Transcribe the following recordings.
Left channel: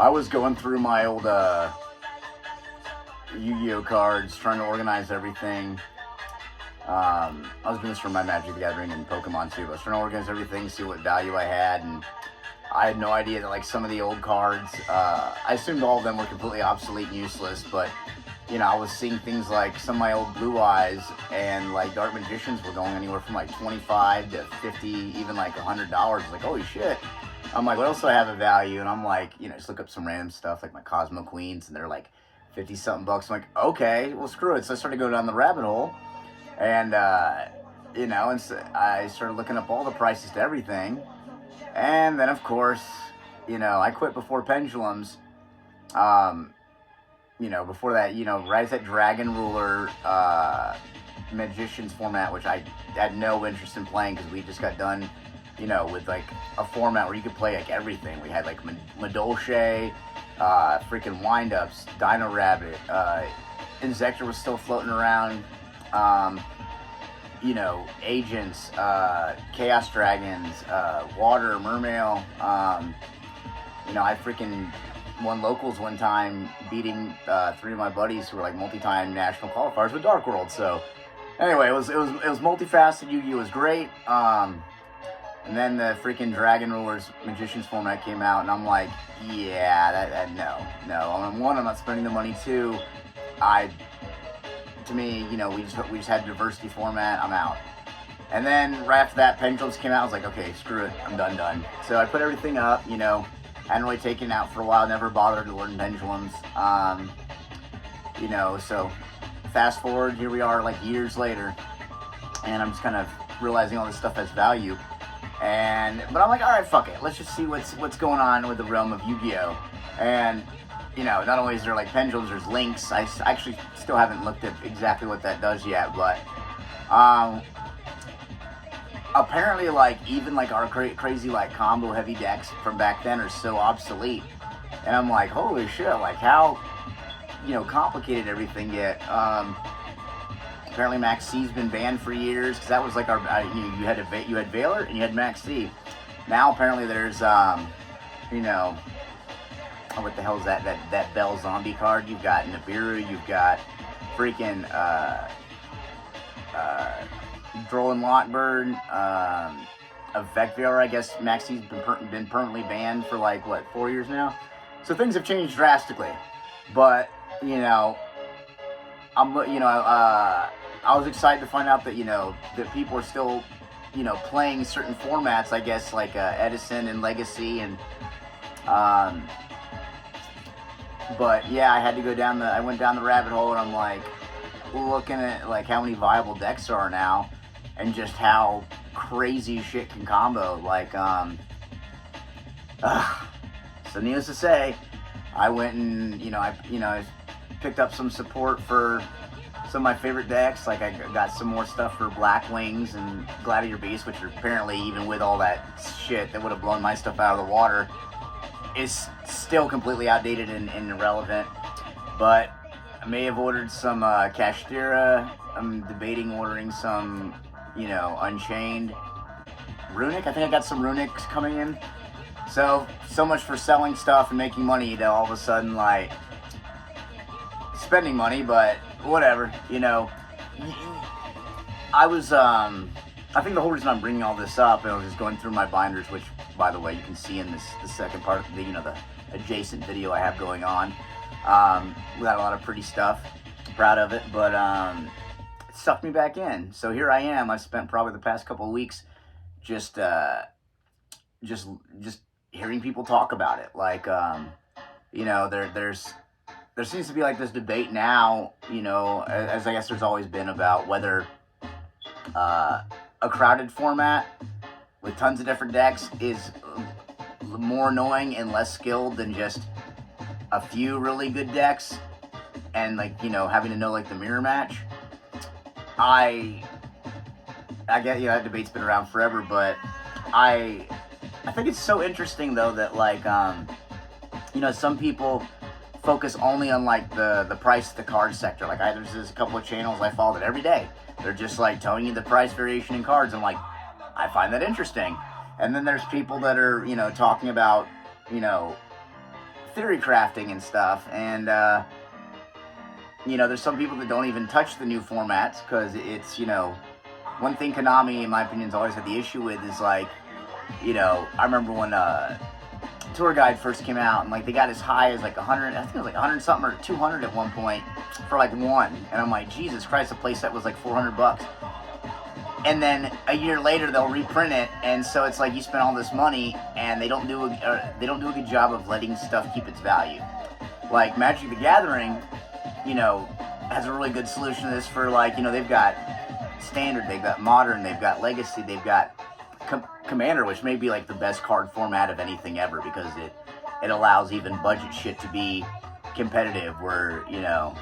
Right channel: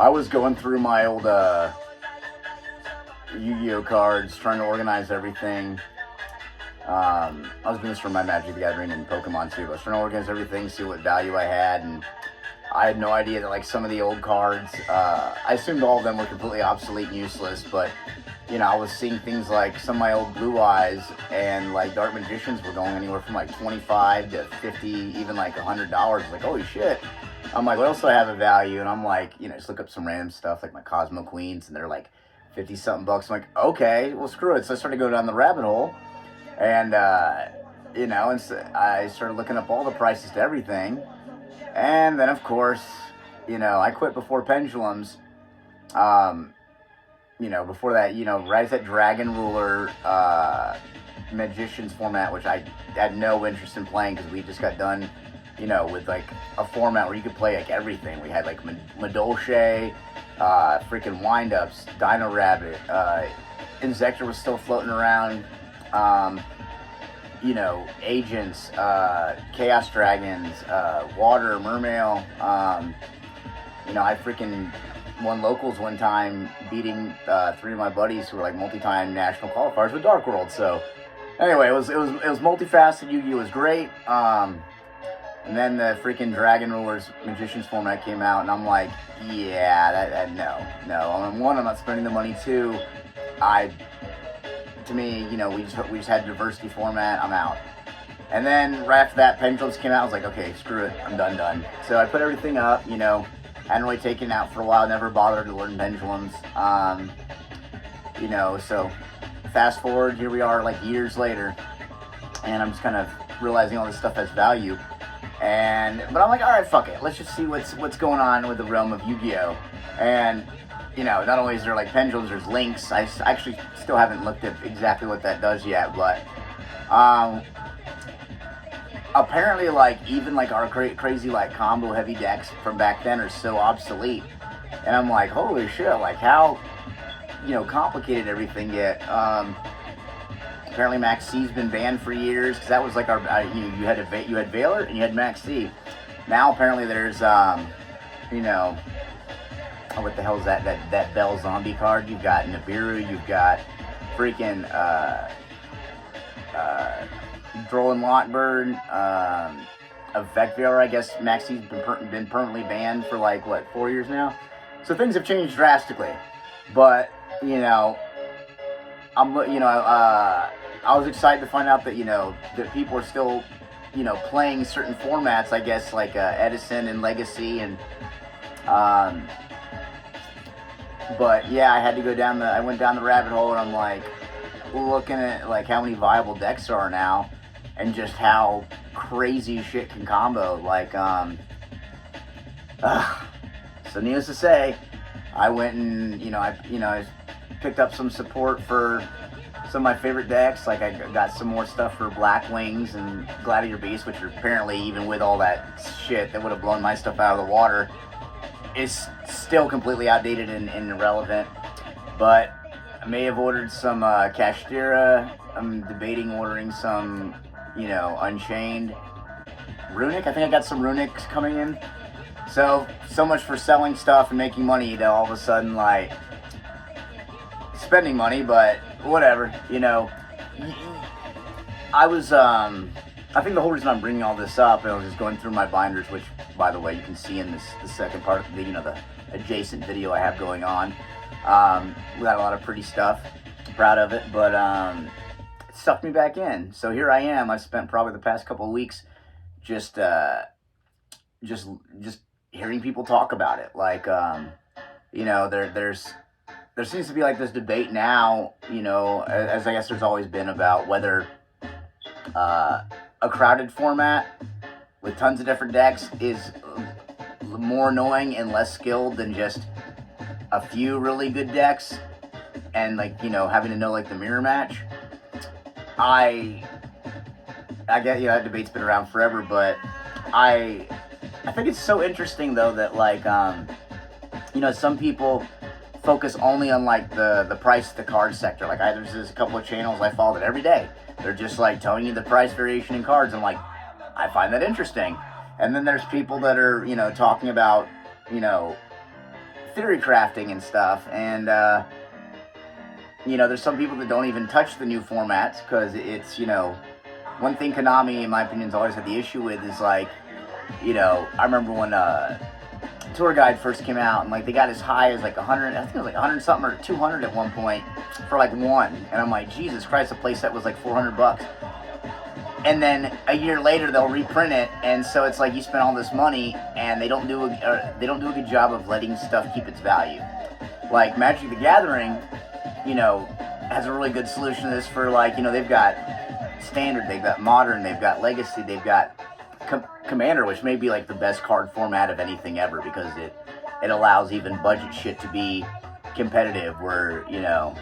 I was going through my old Yu-Gi-Oh cards, trying to organize everything. I was doing this for my Magic the Gathering and Pokemon too. I was trying to organize everything, see what value I had, and I had no idea that like some of the old cards, I assumed all of them were completely obsolete and useless, but you know, I was seeing things like some of my old Blue Eyes and like Dark Magicians were going anywhere from like 25 to 50, even like $100. Like, holy shit. I'm like, what else do I have of value? And I'm like, you know, just look up some random stuff like my Cosmo Queens, and they're like 50 something bucks. I'm like, okay, well, screw it. So I started going down the rabbit hole, and, you know, and so I started looking up all the prices to everything. And then, of course, you know, I quit before pendulums. You know, before that, you know, right as that Dragon Ruler Magicians format, which I had no interest in playing because we just got done, you know, with like a format where you could play like everything. We had like Madolche, freaking Windups, Dino Rabbit, Inzektor was still floating around, you know, Agents, Chaos Dragons, Water, Mermail. You know, I freaking won locals one time, beating 3 of my buddies who were like multi-time national qualifiers with Dark World. So anyway, it was multifaceted. Yu-Gi-Oh was great. And then the freaking Dragon Rulers Magicians format came out, and I'm like, yeah, no. One, I'm not spending the money. Two, to me, you know, we just had diversity format. I'm out. And then right after that, Pendulums came out. I was like, okay, screw it, I'm done. So I put everything up. You know, I hadn't really taken it out for a while. Never bothered to learn Pendulums. You know, so fast forward, here we are, like years later, and I'm just kind of realizing all this stuff has value. But I'm like, all right, fuck it. Let's just see what's going on with the realm of Yu-Gi-Oh. And, you know, not only is there like pendulums, there's links. I actually still haven't looked at exactly what that does yet, but apparently, like, even like our crazy like combo heavy decks from back then are still obsolete. And I'm like, holy shit, like how, you know, complicated everything get. Apparently Max C's been banned for years, because that was like our, you had Valor and you had Max C. Now apparently there's, you know, oh, what the hell is that Bell Zombie card? You've got Nibiru, you've got freaking, Droll Lockbird, a Vector, I guess Max C's been permanently banned for like, what, 4 years now? So things have changed drastically, but, you know, I was excited to find out that, you know, that people are still, you know, playing certain formats, I guess, like Edison and Legacy, and, but yeah, I went down the rabbit hole, and I'm like, looking at like how many viable decks there are now, and just how crazy shit can combo, like, so needless to say, I went and, I picked up some support for some of my favorite decks. Like, I got some more stuff for Black Wings and Gladiator Beast, which are apparently, even with all that shit that would have blown my stuff out of the water, is still completely outdated and irrelevant. But I may have ordered some Kashtira. I'm debating ordering some, you know, Unchained. Runic, I think I got some Runics coming in. So much for selling stuff and making money to all of a sudden, like, spending money, but whatever, you know. I think the whole reason I'm bringing all this up, and I was just going through my binders, which, by the way, you can see in the second part of the, you know, the adjacent video I have going on. We got a lot of pretty stuff. I'm proud of it, but it sucked me back in. So here I am. I spent probably the past couple of weeks just hearing people talk about it. Like, you know, there seems to be like this debate now, you know, as I guess there's always been, about whether a crowded format with tons of different decks is more annoying and less skilled than just a few really good decks, and, like, you know, having to know like the mirror match. I get, you know, that debate's been around forever, but I think it's so interesting though that, like, you know, some people focus only on like the price of the card sector. Like, there's a couple of channels I follow that every day, they're just like telling you the price variation in cards. I'm like, I find that interesting. And then there's people that are, you know, talking about, you know, theory crafting and stuff. And, you know, there's some people that don't even touch the new formats because it's, you know, one thing Konami, in my opinion, has always had the issue with is like, you know, I remember when Tour Guide first came out and like they got as high as like 100, I think it was like 100 something or 200 at one point for like one. And I'm like, Jesus Christ, a place that was like $400. And then a year later they'll reprint it, and so it's like you spend all this money and they don't do a good job of letting stuff keep its value. Like Magic the Gathering, you know, has a really good solution to this for like, you know, they've got Standard, they've got Modern, they've got Legacy, they've got Commander, which may be like the best card format of anything ever because it allows even budget shit to be competitive where, you know,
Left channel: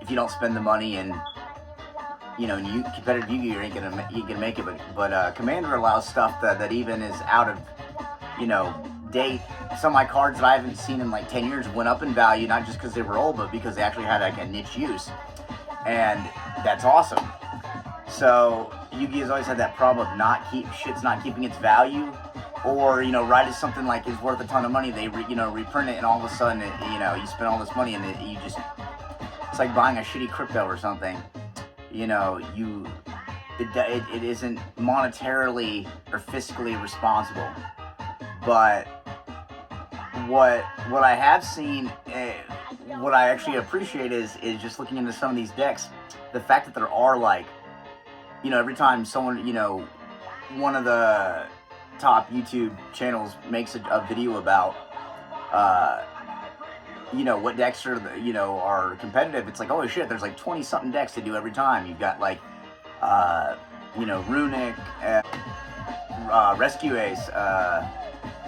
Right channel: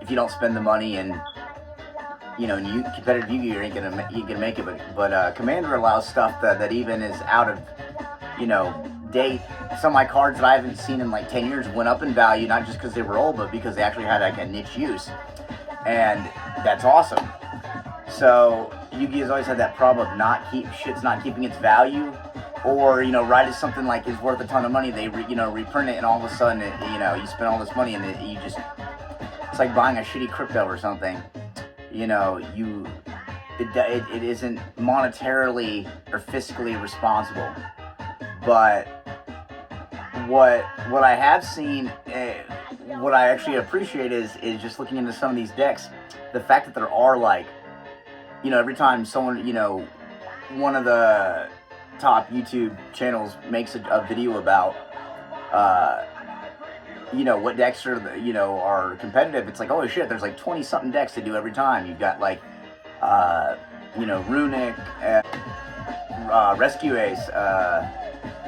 if you don't spend the money and, you know, competitive Yu-Gi-Oh, you ain't gonna make it, but Commander allows stuff that even is out of, you know, date. Some of my cards that I haven't seen in like 10 years went up in value, not just because they were old, but because they actually had like a niche use. And that's awesome. So Yu-Gi-Oh's always had that problem of shit's not keeping its value, or, you know, right as something like is worth a ton of money, they reprint it, and all of a sudden, you know, you spend all this money and it's like buying a shitty crypto or something. You know, it isn't monetarily or fiscally responsible. But what I have seen, what I actually appreciate is just looking into some of these decks, the fact that there are like, you know, every time someone, you know, one of the top YouTube channels makes a video about, you know, what decks are, you know, are competitive, it's like, holy shit, there's like 20 something decks to do every time. You've got like, you know, Runic, Rescue Ace,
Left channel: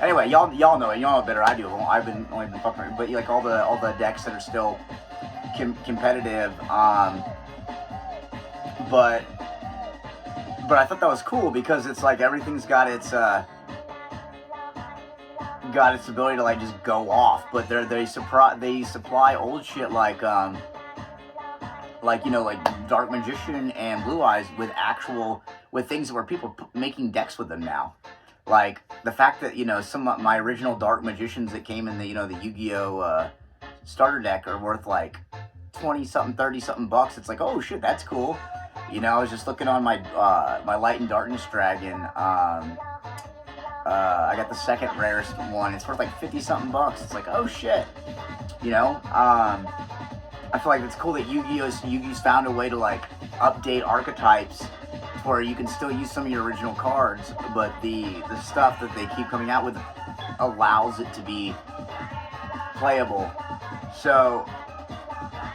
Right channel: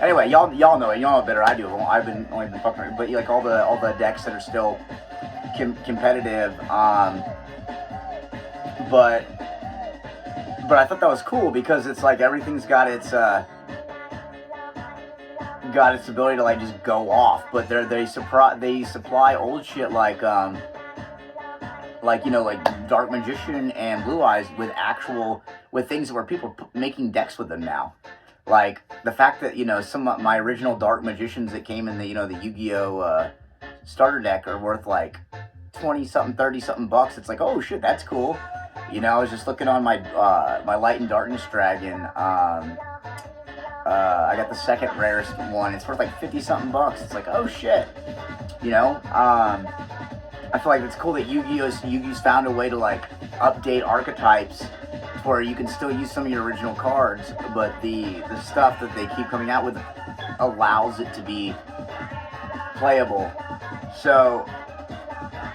anyway, y'all know it, y'all know better I do. I've only been fucking around, but like all the decks that are still competitive, but I thought that was cool because it's like everything's got its ability to like just go off, but they supply old shit like you know, like Dark Magician and Blue Eyes with things where people making decks with them now. Like the fact that, you know, some of my original Dark Magicians that came in the, you know, the Yu-Gi-Oh starter deck are worth like 20 something, 30 something bucks. It's like, oh shit, that's cool. You know, I was just looking on my my Light and Darkness Dragon. I got the second rarest one. It's worth like 50 something bucks. It's like, oh shit. You know, I feel like it's cool that Yu-Gi-Oh's found a way to like update archetypes where you can still use some of your original cards, but the stuff that they keep coming out with allows it to be playable. So,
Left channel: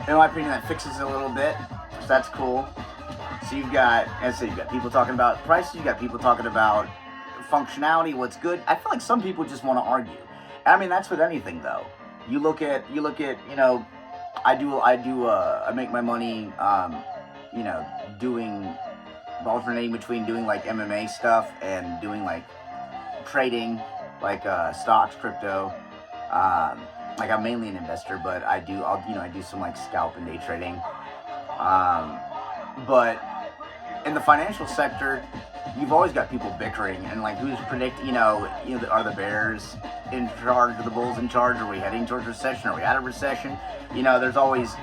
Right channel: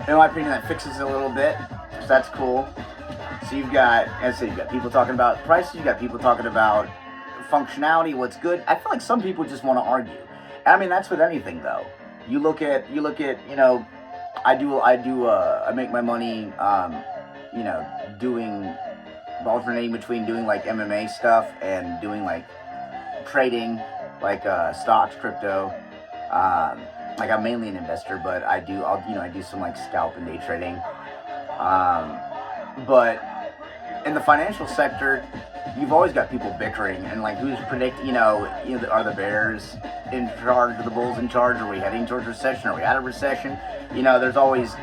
in my opinion, that fixes it a little bit. So that's cool. So you've got, as I said, you've got people talking about prices, you've got people talking about functionality, what's good. I feel like some people just want to argue. I mean, that's with anything though. You look at, you know, I make my money, you know, alternating between doing like MMA stuff and doing like trading, like stocks, crypto. Like I'm mainly an investor, but I do some like scalp and day trading. But in the financial sector, you've always got people bickering and like who's you know, are the bears in charge, are the bulls in charge? Are we heading towards recession? Are we out of recession? You know, there's always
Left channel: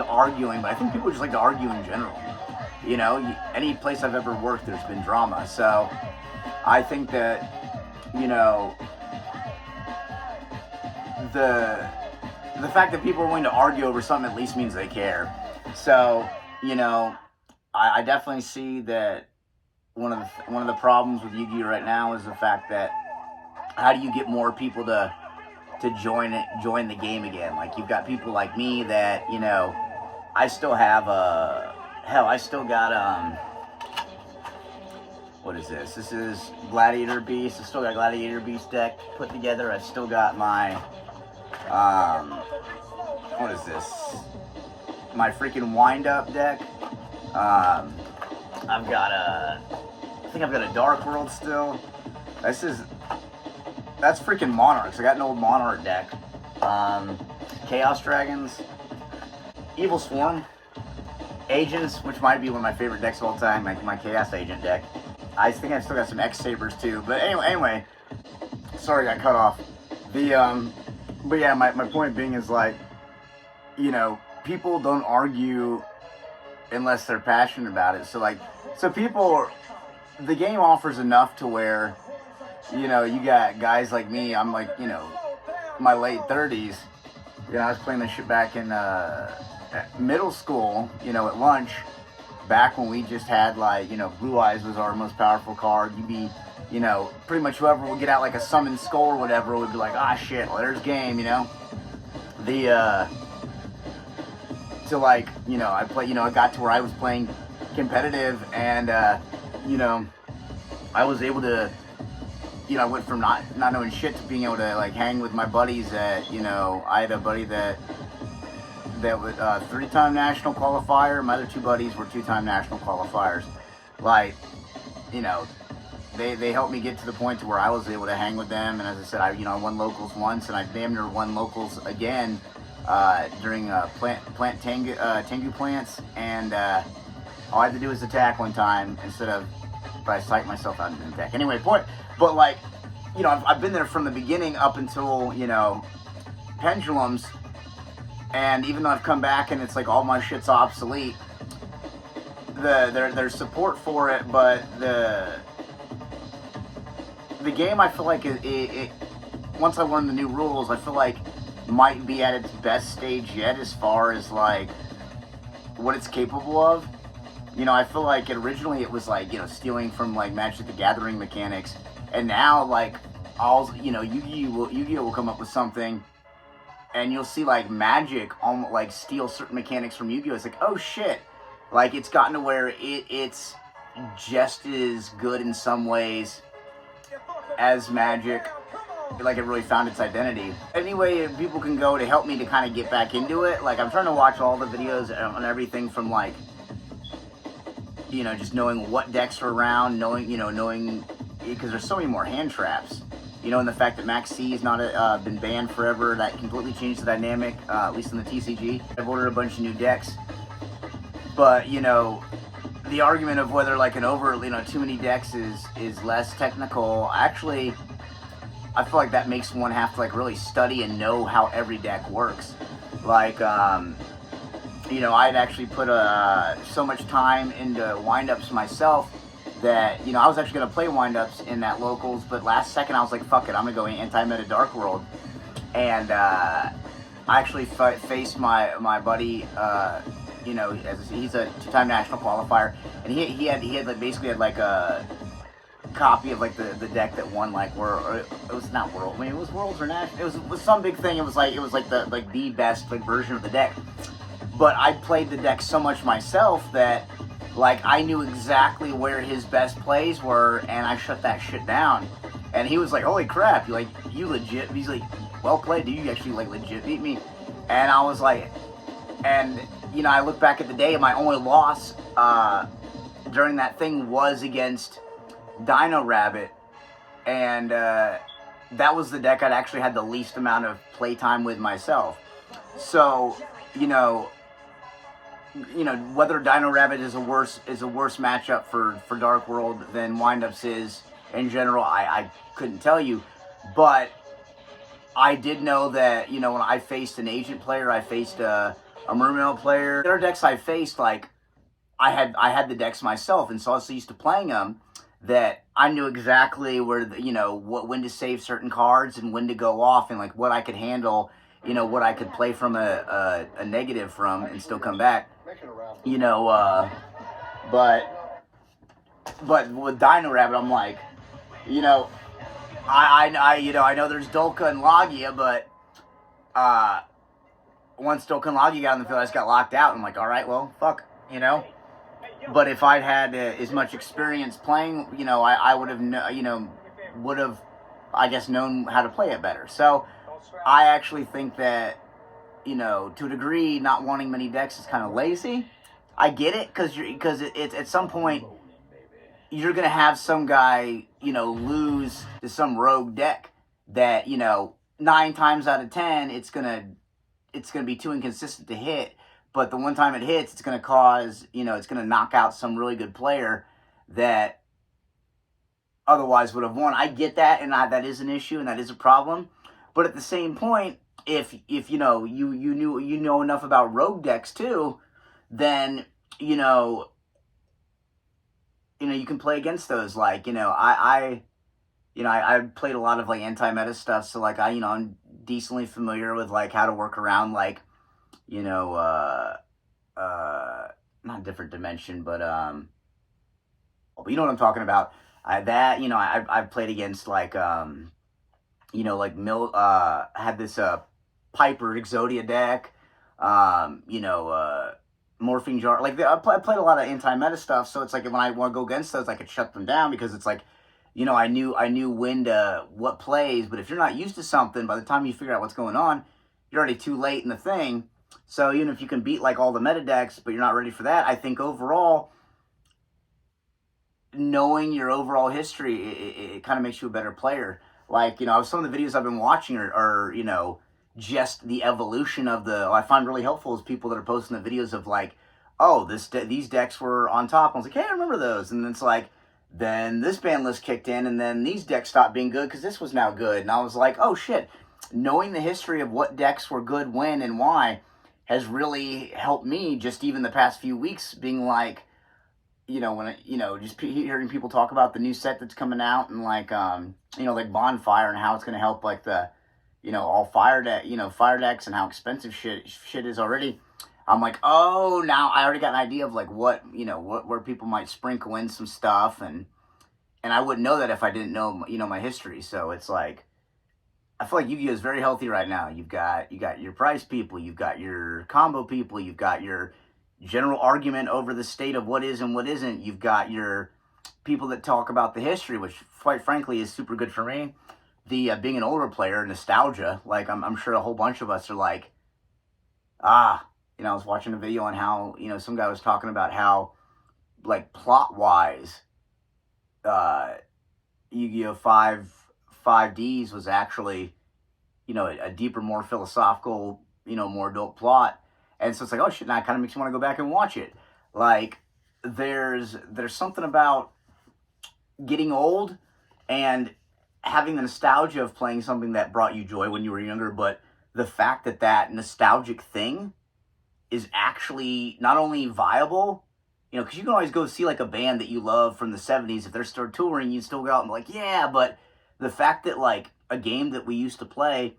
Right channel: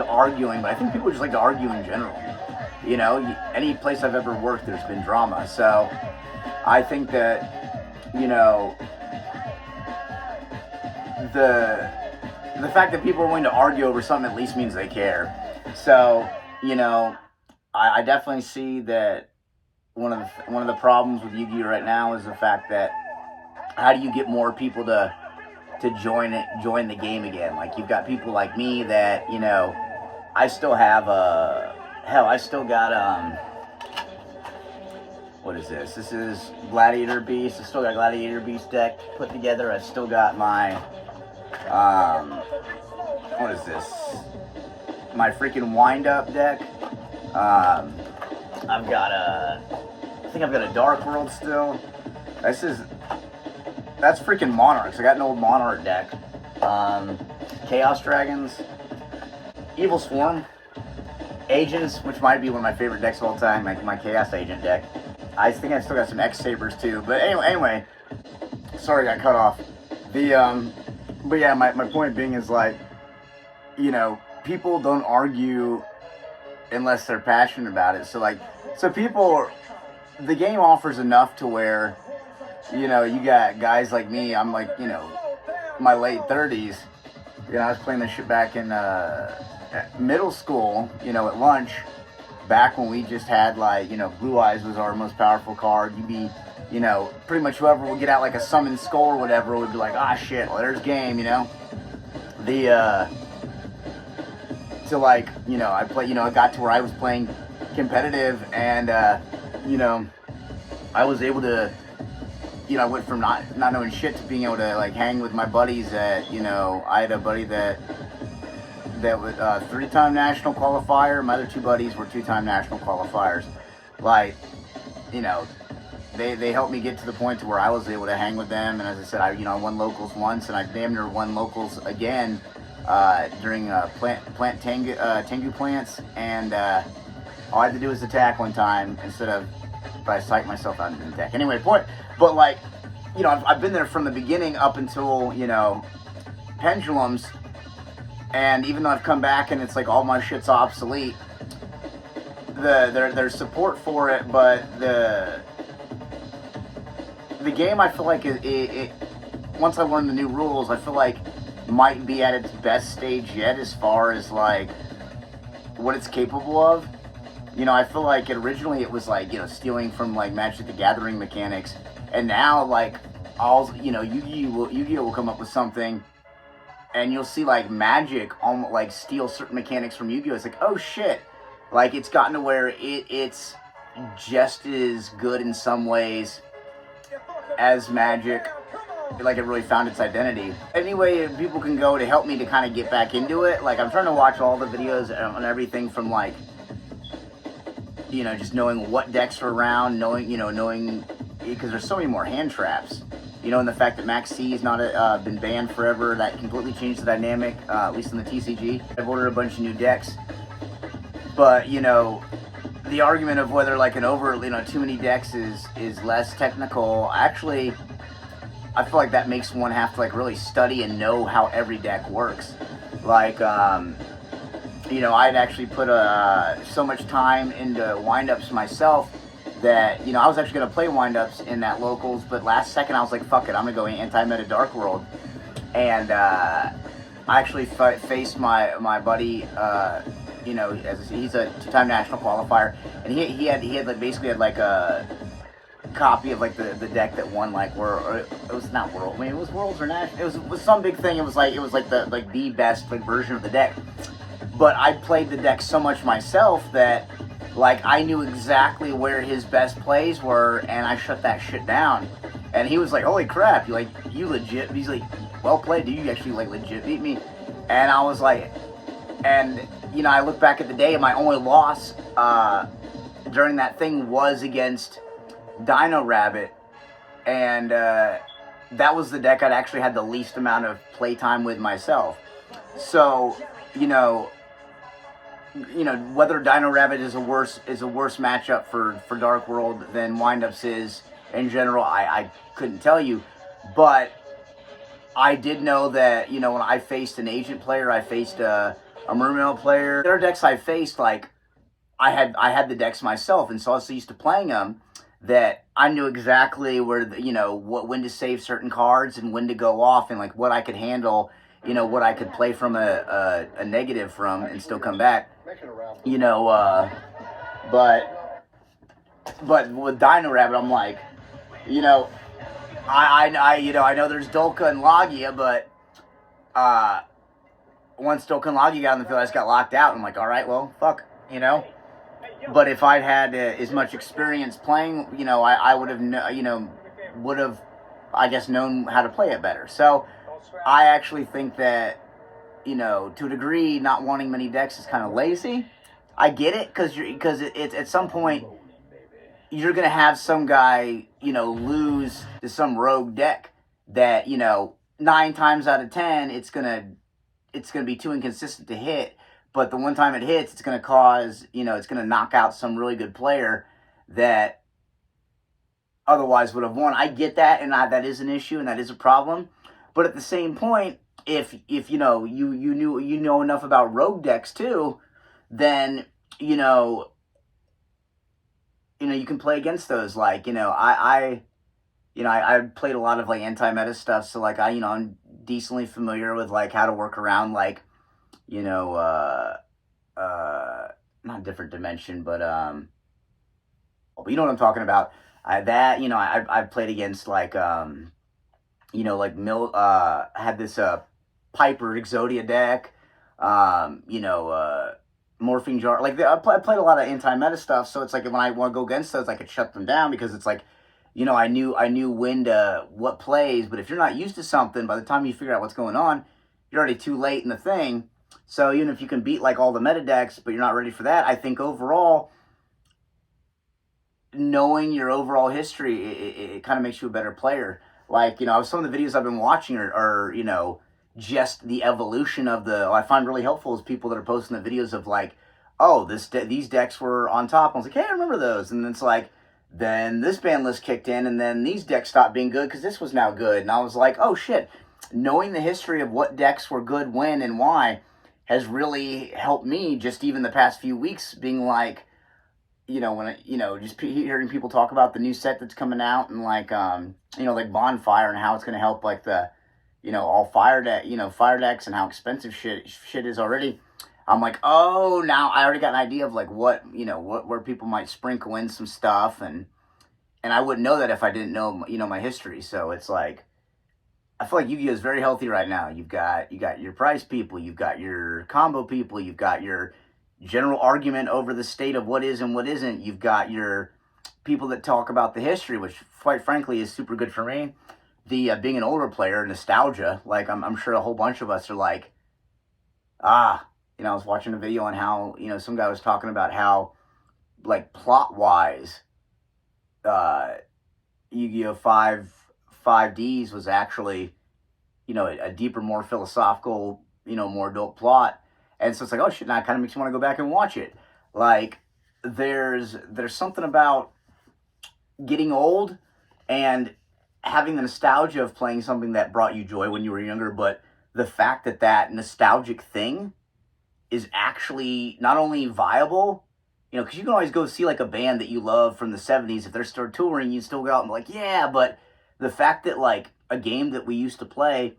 arguing, but I think people just like to argue in general. You know, any place I've ever worked, there's been drama. So I think that, you know, the fact that people are willing to argue over something at least means they care. So, you know, I definitely see that one of the problems with Yu-Gi-Oh right now is the fact that how do you get more people to join the game again? Like you've got people like me that, you know, I still have I still got what is this? This is Gladiator Beast. I still got Gladiator Beast deck put together. I still got my what is this? My freaking wind-up deck. I think I've got a Dark World still. That's freaking Monarchs. I got an old Monarch deck. Chaos Dragons, Evil Swarm, Agents, which might be one of my favorite decks of all time, my Chaos Agent deck. I think I still got some X-Sabers too. But anyway, sorry I got cut off. But yeah, my point being is like, people don't argue unless they're passionate about it. So like, the game offers enough to where, you got guys like me. I'm like, my late 30s. I was playing this shit back in middle school. At lunch, back when we just had like, Blue Eyes was our most powerful card. You'd be, pretty much whoever would get out like a summon skull or whatever would be like, ah, shit, well, there's game. So like, I play, I got to where I was playing competitive, and I was able to, I went from not knowing shit to being able to like hang with my buddies. I had a buddy that was a 3-time national qualifier. My other 2 buddies were 2-time national qualifiers. Like, they helped me get to the point to where I was able to hang with them. And as I said, I won locals once, and I damn near won locals again during plant tengu plants. And all I had to do was attack one time instead of try to psych myself out and attack. Anyway, but like, I've been there from the beginning up until, pendulums. And even though I've come back and it's like all my shit's obsolete, there's support for it, but the game, I feel like it once I learn the new rules, I feel like might be at its best stage yet as far as like what it's capable of. I feel like originally it was like, stealing from like Magic the Gathering mechanics, and now like Yu-Gi-Oh will come up with something, and you'll see like Magic almost like steal certain mechanics from Yu-Gi-Oh. It's like, oh shit, like it's gotten to where it's just as good in some ways as Magic. Like it really found its identity. Anyway, people can go to help me to kind of get back into it. Like I'm trying to watch all the videos on everything from like, just knowing what decks are around, knowing because there's so many more hand traps. And the fact that Max C has not been banned forever, that completely changed the dynamic, at least in the TCG. I've ordered a bunch of new decks, but the argument of whether like too many decks is less technical, actually, I feel like that makes one have to like really study and know how every deck works. Like, I'd actually put so much time into windups myself that, I was actually going to play windups in that locals, but last second I was like, fuck it, I'm going to go anti-meta Dark World. And I actually faced my buddy, he's a 2-time national qualifier, and he had like basically had like a copy of like the deck that won like it was not World, I mean it was Worlds or National, it was some big thing. It was like the best like version of the deck. But I played the deck so much myself that like I knew exactly where his best plays were, and I shut that shit down. And he was like, holy crap, you legit, he's like, well played, dude, you actually like legit beat me. And I was like, and I look back at the day, and my only loss during that thing was against Dino Rabbit, and that was the deck I'd actually had the least amount of playtime with myself. So, whether Dino Rabbit is a worse matchup for Dark World than Windups is in general, I couldn't tell you. But I did know that, when I faced an agent player, I faced a Mermail player. There are decks I faced, like, I had the decks myself, and so I was so used to playing them that I knew exactly where, when to save certain cards and when to go off, and like what I could handle, what I could play from a negative from and still come back, but with Dino Rabbit, I'm like, I know there's Dolka and Logia, but once Dolka and Logia got on the field, I just got locked out. I'm like, all right, well, fuck, But if I'd had as much experience playing, I would have, I guess, known how to play it better. So I actually think that, to a degree, not wanting many decks is kind of lazy. I get it, because it's at some point you're gonna have some guy, lose to some rogue deck that 9 times out of 10 it's gonna be too inconsistent to hit. But the one time it hits, it's going to cause, it's going to knock out some really good player that otherwise would have won. I get that, and that is an issue, and that is a problem. But at the same point, if you know you know enough about rogue decks too, then you know you can play against those. Like I played a lot of like anti-meta stuff, so like I'm decently familiar with like how to work around like you know not different dimension, but you know what I'm talking about. I've played against like had this Piper Exodia deck, Morphine Jar. Like I played a lot of anti-meta stuff, so it's like when I want to go against those, I could shut them down because it's like, I knew when to what plays. But if you're not used to something, by the time you figure out what's going on, you're already too late in the thing. So even if you can beat like all the meta decks, but you're not ready for that, I think overall, knowing your overall history, it kind of makes you a better player. Like, some of the videos I've been watching are just the evolution of I find really helpful is people that are posting the videos of like, oh, these decks were on top. I was like, hey, I remember those. And it's like, then this ban list kicked in, and then these decks stopped being good because this was now good. And I was like, oh shit, knowing the history of what decks were good when and why has really helped me just even the past few weeks being like, just hearing people talk about the new set that's coming out and like, like Bonfire and how it's going to help like the, all fire decks and how expensive shit is already. I'm like, oh, now I already got an idea of like where people might sprinkle in some stuff, and I wouldn't know that if I didn't know, my history. So it's like, I feel like Yu-Gi-Oh is very healthy right now. You got your prize people, you've got your combo people, you've got your general argument over the state of what is and what isn't. You've got your people that talk about the history, which quite frankly is super good for me. The being an older player, nostalgia, like I'm sure a whole bunch of us are like, I was watching a video on how, some guy was talking about how, like, plot-wise, Yu-Gi-Oh! 5Ds was actually, a deeper, more philosophical, more adult plot. And so it's like, oh shit, now it kind of makes you want to go back and watch it. Like, there's something about getting old and having the nostalgia of playing something that brought you joy when you were younger, but the fact that nostalgic thing is actually not only viable, because you can always go see like a band that you love from the 70s. If they're still touring, you still go out and be like, yeah, but the fact that like a game that we used to play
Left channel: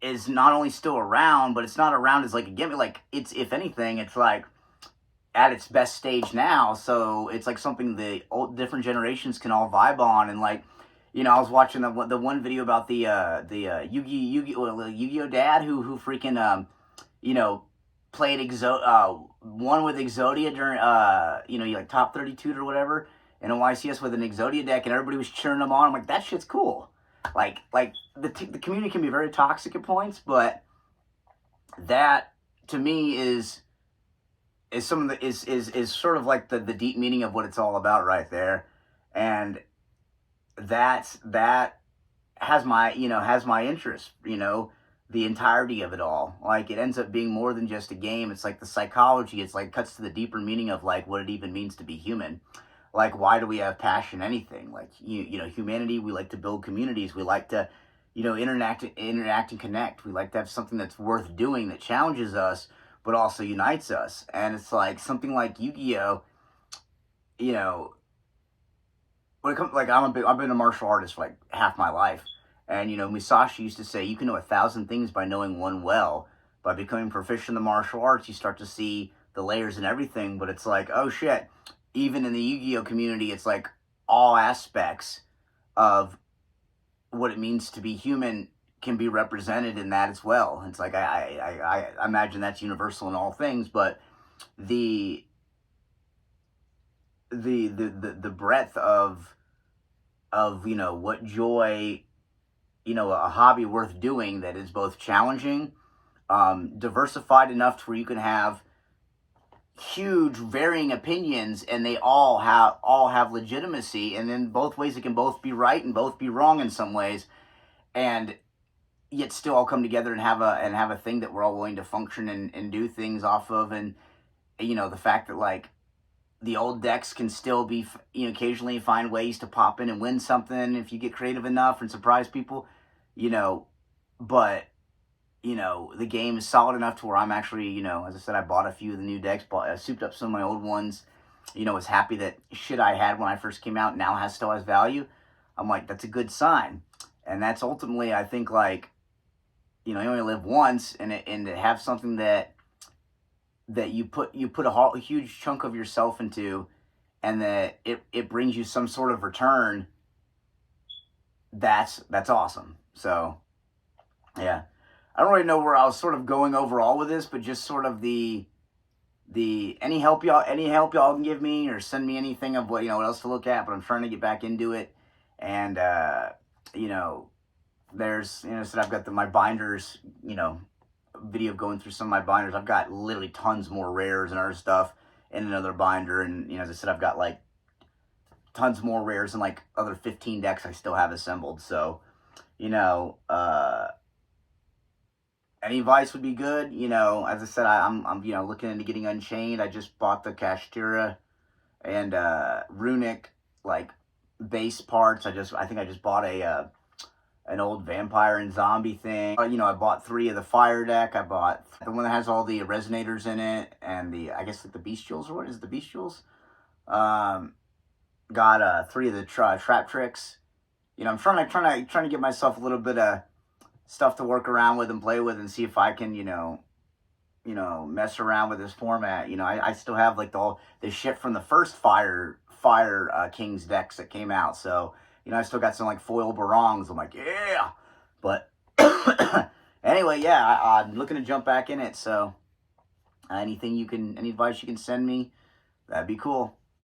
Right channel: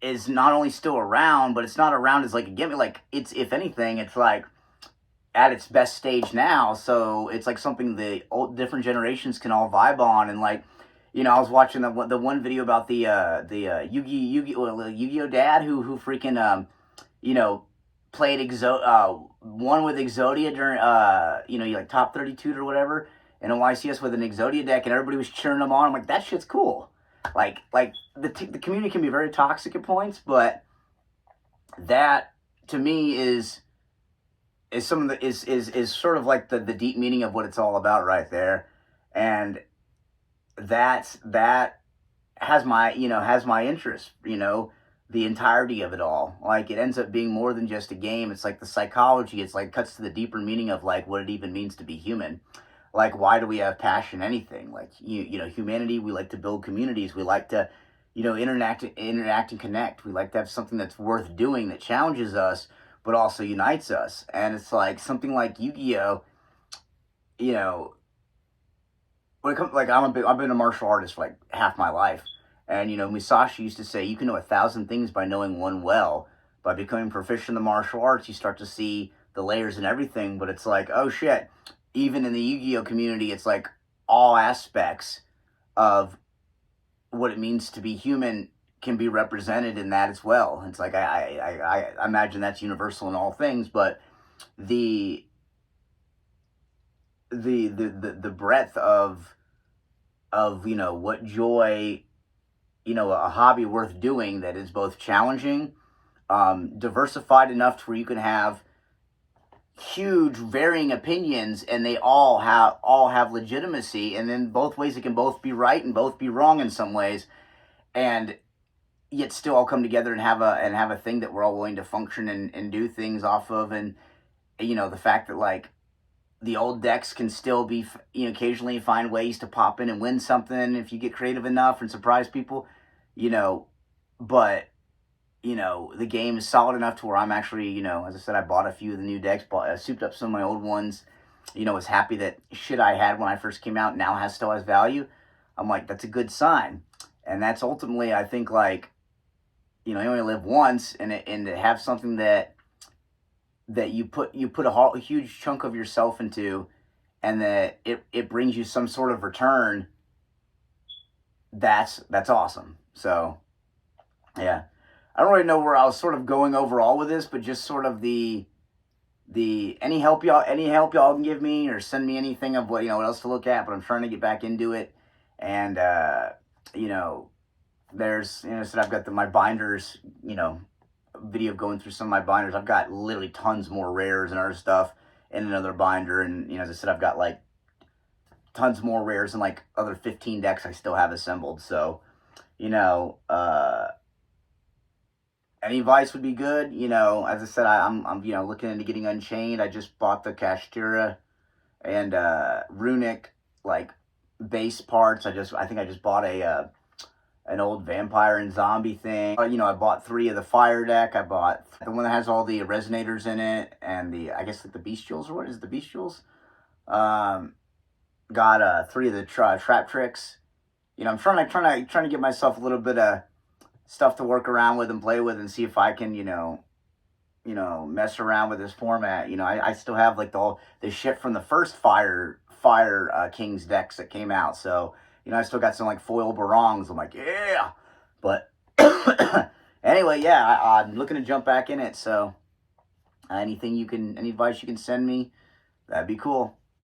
is not only still around, but it's not around as like a gimmick. Like it's, if anything, it's like at its best stage now. So it's like something the different generations can all vibe on. And like, I was watching the one video about the Yu-Gi-Oh dad who freaking played one with Exodia during like top 32 or whatever in a YCS with an Exodia deck, and everybody was cheering them on. I'm like, that shit's cool. Like the community can be very toxic at points, but that to me is some of the is sort of like the deep meaning of what it's all about right there. And that has my interest, the entirety of it all. Like it ends up being more than just a game. It's like the psychology. It's like cuts to the deeper meaning of like what it even means to be human. Like, why do we have passion? Anything like humanity. We like to build communities. We like to, interact and connect. We like to have something that's worth doing, that challenges us, but also unites us. And it's like something like Yu-Gi-Oh. When it comes, like I've been a martial artist for like half my life, and Musashi used to say you can know 1,000 things by knowing one well. By becoming proficient in the martial arts, you start to see the layers and everything. But it's like, oh shit, even in the Yu-Gi-Oh community, it's like all aspects of what it means to be human can be represented in that as well. It's like I imagine that's universal in all things, but the breadth of what joy, a hobby worth doing that is both challenging, diversified enough to where you can have huge varying opinions and they all have legitimacy, and then both ways it can both be right and both be wrong in some ways, and yet still all come together and have a thing that we're all willing to function and do things off of. And the fact that like the old decks can still be, occasionally find ways to pop in and win something if you get creative enough and surprise people. you know, but, you know, the game is solid enough to where I'm actually, you know, as I said, I bought a few of the new decks, souped up some of my old ones, you know, was happy that shit I had when I first came out now still has value. I'm like, that's a good sign. And that's ultimately, I think, like, you know, you only live once, and to have something that you put a huge chunk of yourself into, and that it brings you some sort of return, that's awesome. So yeah, I don't really know where I was sort of going overall with this, but just sort of the any help y'all can give me, or send me anything of what, you know, what else to look at. But I'm trying to get back into it, and you know, there's, you know, so I've got my binders, you know, video going through some of my binders. I've got literally tons more rares and other stuff in another binder, and, you know, as I said, I've got like tons more rares and like other 15 decks I still have assembled. So, you know, any advice would be good. You know, as I said, I'm you know, looking into getting Unchained. I just bought the Kashtira and Runic, like, base parts. I think I just bought an old vampire and zombie thing. You know, I bought 3 of the fire deck. I bought the one that has all the resonators in it, and I guess like the bestials, or what is the bestials? Got 3 of the trap tricks. You know, I'm trying to give myself a little bit of stuff to work around with and play with, and see if I can, you know, mess around with this format. You know, I still have like the shit from the first Fire Kings decks that came out. So, you know, I still got some like foil barongs. I'm like, yeah. But anyway, yeah, I'm looking to jump back in it. So any advice you can send me, that'd be cool.